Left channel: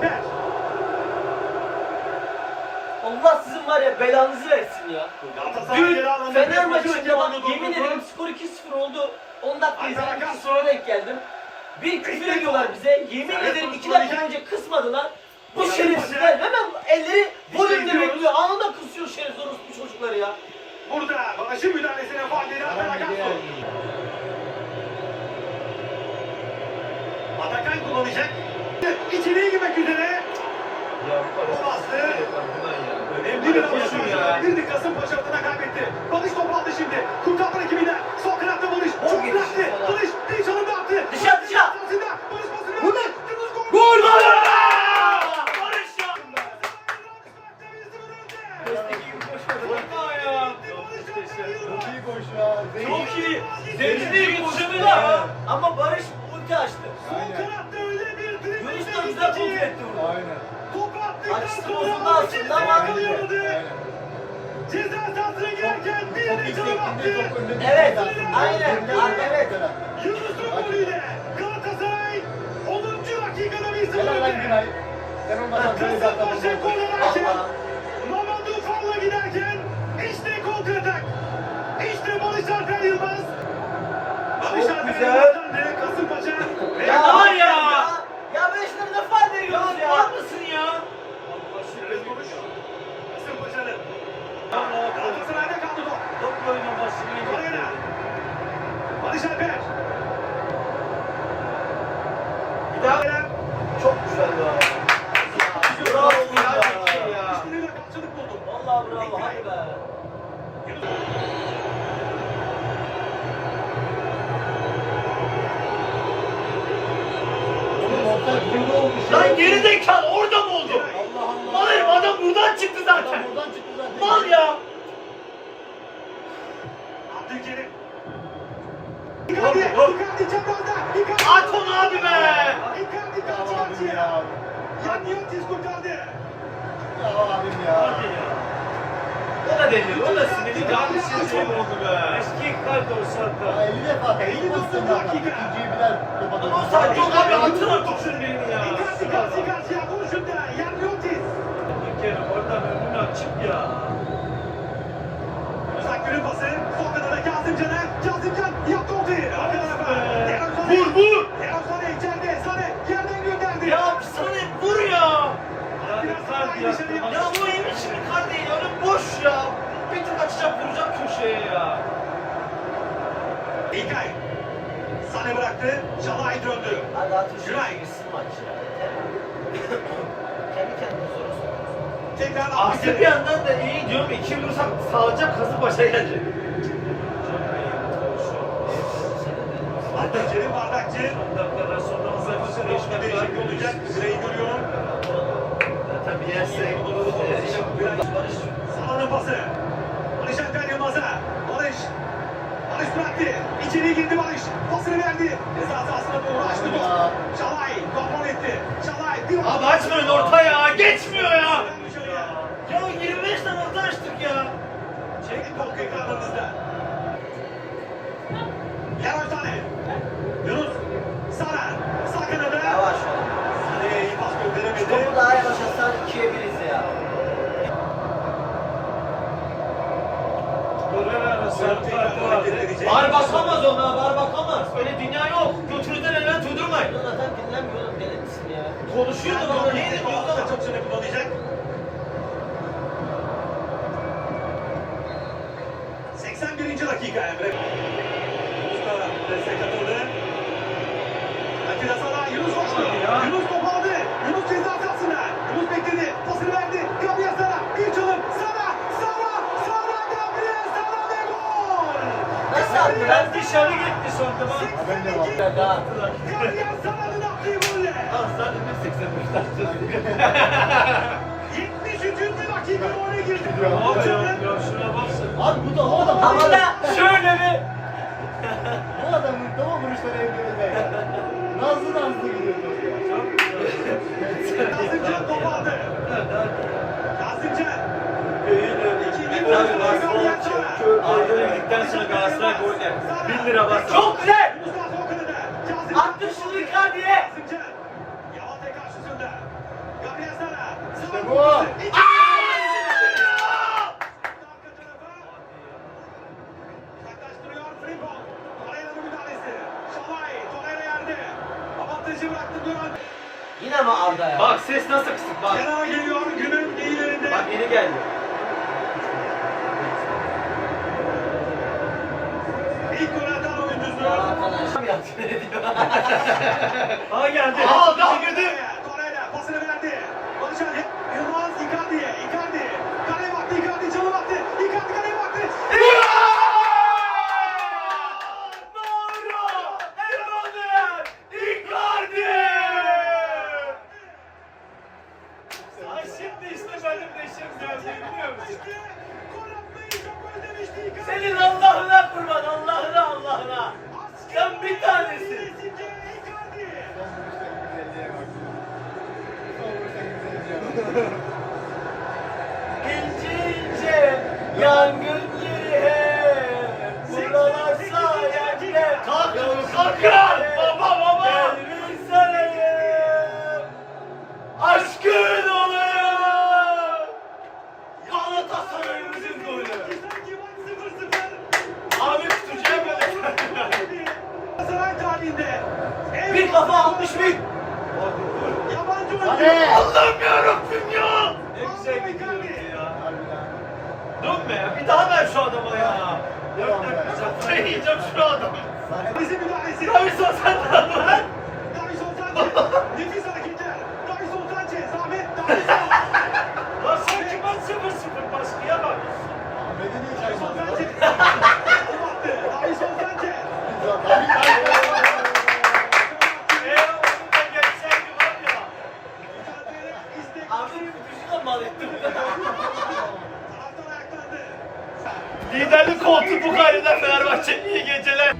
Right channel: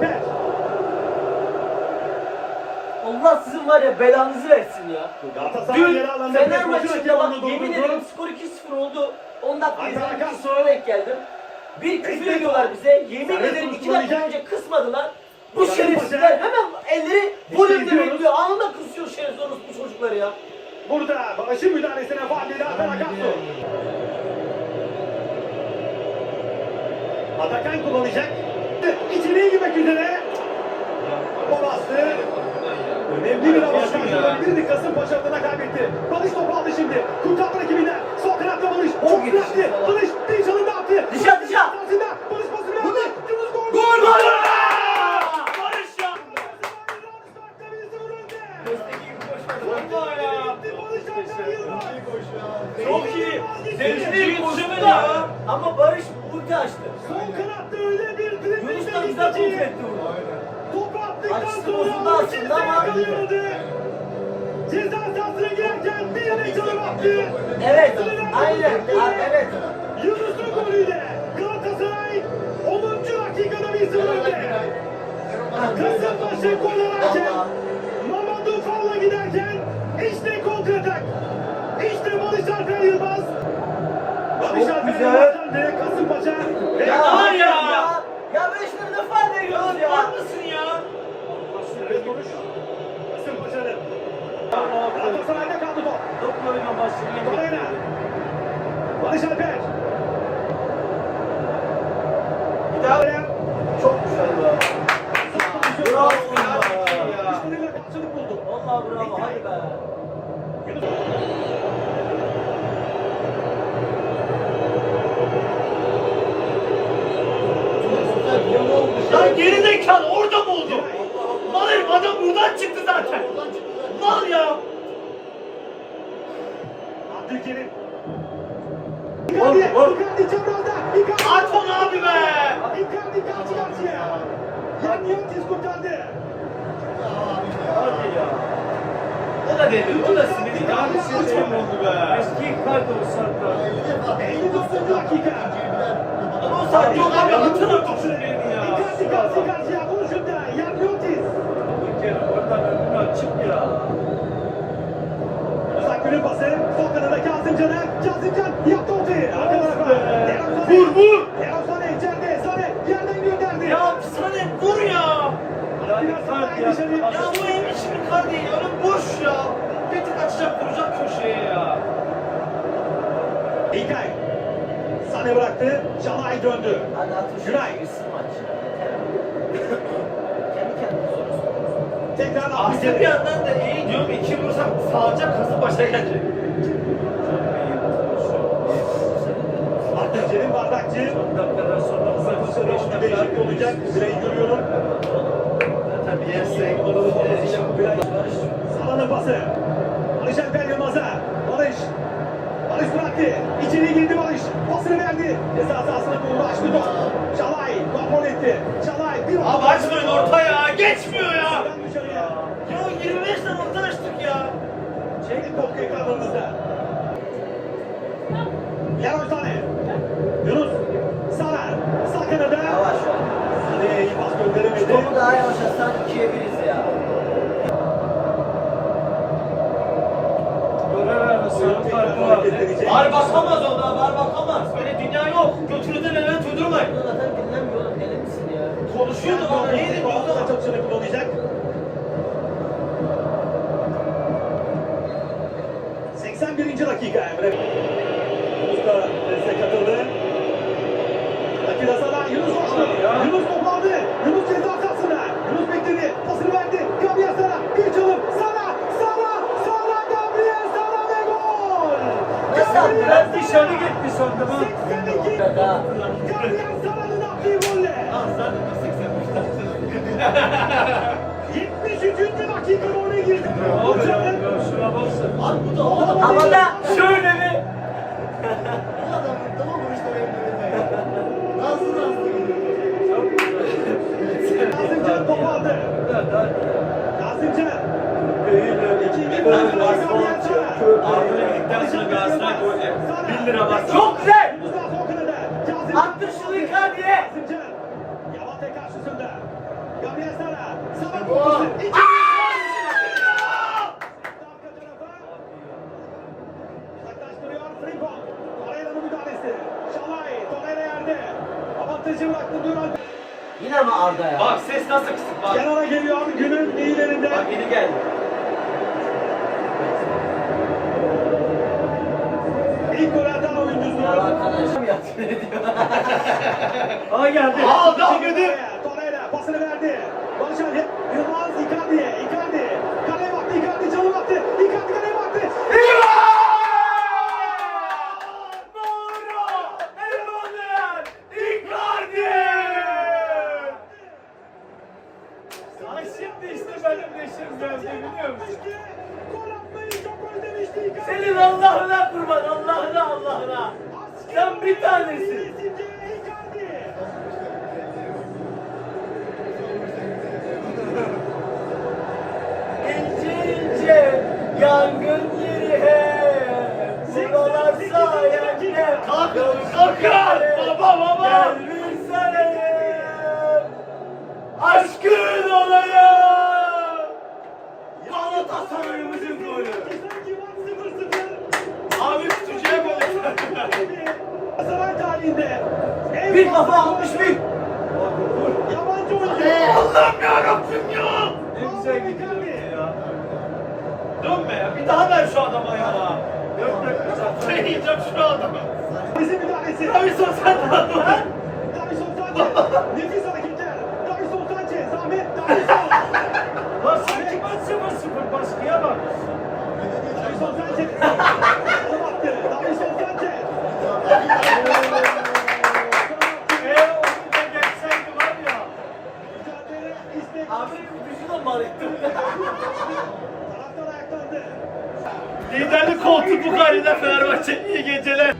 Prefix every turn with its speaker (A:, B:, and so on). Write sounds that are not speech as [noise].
A: Alper.
B: Allah sizin var ya belanızı versin ya. Dün Fener maçında bak
A: alanda
B: yemin ederim skor 2-0 oldu. 10 dakika izledim
A: bakalım.
B: 2-0'a denk geldim. Bir küfür ediyorlar bize. Yemin ederim
A: bu
B: 2 dakika önce kısmadılar. Bu şerefsizler hemen elleri önünde
A: gidiyoruz.
B: bekliyor. Anında kısıyor şerefsiz orospu çocukları ya.
A: Burada Barış'ın müdahalesine faal değil Alper Akarsu. Atakan kullanacak. İçeriye girmek üzere. Bastı. Önemli bir avantaj. Bir de Kasımpaşa adına kaybetti. Barış topu aldı şimdi. Kurtardı rakibinden. Sol kanatta Barış. Çok
B: falan.
A: Barış bir çalımda attı.
B: Dışa, dışa.
A: Sahasında Barış pasını verdi.
B: Bu ne?
A: Yunus gol.
B: Gol!
A: Barış ya.
B: Çok iyi. Denizli'ye yetişemedi ya. Ama Barış ulti açtı.
A: Sol kanatta öyle bir dribbling
B: Yunus da güzel kontrol etti bunu.
A: Topu attıktan
B: Açısı
A: sonra
B: bozuldu aslında
A: ikisi de
B: ama-
A: yakalıyordu. Ceza sahasına girerken bir de çalım attı.
B: Evet, aynen. Evet.
A: Yunus'un golüyle Galatasaray 10. dakikada bir sıfır önde. Kasımpaşa gol ararken. Mamadou Falla giderken işte kontratak. İşte Barış Alper Yılmaz. Barış Alper
B: güzel.
A: Yılmaz'dan de Kasımpaşa. ve
B: Ya
C: var
B: var
C: ya.
B: ya. Ya ben şuna ne fayda veriyoruz ya.
C: Var mısın ya?
A: Serbest vuruş. Kasımpaşa'nın. Galatasaray'da kaldı top.
C: Daha
B: Çok güzel be. Bravo. Vallahi bravo. Hadi be.
C: Lan geri zekalı orada mı oldu? Herif adam buradan çıktı zaten. Mal ya.
A: Abdülkerim. Icardi, Icardi çaprazda. Icardi.
C: At onu abi be.
A: Icardi karşı karşıya. Yan Yontis kurtardı.
C: Hadi ya. O da delirdi. O da sinirli. Yanlış şey oldu be. Eski kart olsa da.
A: 59 dakika.
C: Ama o saat yok abi atın artık şunu birini ya.
A: Icardi karşı karşıya koşuldu. Yan Yontis.
C: Bir kere oradan önünü açık ya.
A: Uzak günün pası. Sol kanada Kazımcan'a. Kazımcan yaptı ortayı.
C: Vur vur.
A: Erol Sane içeride. Sane yerden gönderdi.
C: Ya sana vur ya.
A: Yani kart ya.
C: Ya bu mi şimdi değil. Önüm boş ya. Bir tık açacak vuracak köşeye ya.
A: İlkay. Sane bıraktı. Şalay döndü.
B: Hadi atın gitsin maç ya.
A: Tekrar
C: Aksi bir yandan da iyi diyorum. iki vursam sağlayacak kazı başa gelecek.
A: Abdülkerim Bardakçı.
C: dakikadan sonra. Beş
A: Değişiklik değişik olacak. Süreyi görüyorum.
C: Tabii yersek.
B: Barış.
A: Salonun pası. Barış Alper Yılmaz'a. Barış. Barış bıraktı. İçeri girdi Barış. Pasını verdi. Ceza sahasına doğru açtı top. Şalay kontrol etti. Şalay bir
C: Abi açmayın orta ya. Geçmiyor. Ya 25 tane orta açtık ya.
A: Top ekranlarınızda. Yavaş tane. Yunus. Sara. Sağ kanada.
B: Yavaş ol.
A: Sarıya iyi pas gönderemedi.
B: Topu daha yavaş atsan ikiye biriz ya.
C: Var bakamaz ona, var bakamaz. Öyle dünya yok. Götünüzden elden tuydurmayın.
B: Zaten dinlemiyor oğlum. Deli misin ya?
C: Konuşuyordu bana, neydi diyordu ama.
A: Açılışını kullanacak. 81. dakika Emre. Usta destek katıldı. Atilla Sara, Yunus koştu. Yunus topu aldı. Yunus ceza sahasına. Yunus bekledi. Pasını verdi. Gabriel Sara. Bir çalım. Sara. Sara. Sara. Gabriel Sara ve gol.
B: Nasıl attı
C: Ben dışarı gitti sandım ha.
A: 82.
B: Ben daha.
A: Gabriel Sara'nın attığı golle.
C: Lan zaten 85 [laughs]
A: 73. dakika oraya girdi.
C: Baksana.
D: Abi bu da o adam.
B: Havada.
C: Şöyle bir. [laughs]
D: Bu adam tamam vuruşlar evlerinde. Nazlı nazlı gidiyor.
A: Kazımcan topu aldı. Kazımcan.
C: Arda'ya gittikten sonra Galatasaray golü. 1 lira bas.
B: Çok güzel.
A: Mustafa Okan'ı da. Kazımcan.
B: Attı şunu Frimpong.
A: Torreira'nın müdahalesi. Şalay. Torreira yerde. Avantajı bıraktı Duran.
B: Yine mi Arda ya?
C: Bak ses nasıl kısık bak.
A: Kenara geliyor günün iyilerinde.
C: Bak yeni geldi.
A: İlk gol atan oyuncusu.
B: Ya arkadaş. [laughs] Ne diyor? [laughs]
C: Aa geldi. Aa daha girdi. Senin Allah'ına kurban Allah'ına Allah'ına. Sen bir tanesin. Bir
B: kafa almış bir.
C: Allah'ım yarabbim ya. Ne güzel gidiyor ya. Dönme ya. Bir daha ver şu adama ya. Dört dakika. Ben yiyeceğim şu adamı.
A: Bizim müdahalesi.
C: Davison sen de lan.
A: Davison Sanchez. Nefis hareketler. Davison Sanchez. Ahmet Davison. Taraftar ayaklandı.
C: Liderlik koltuğu bu halinde Fenerbahçe iyi geceler.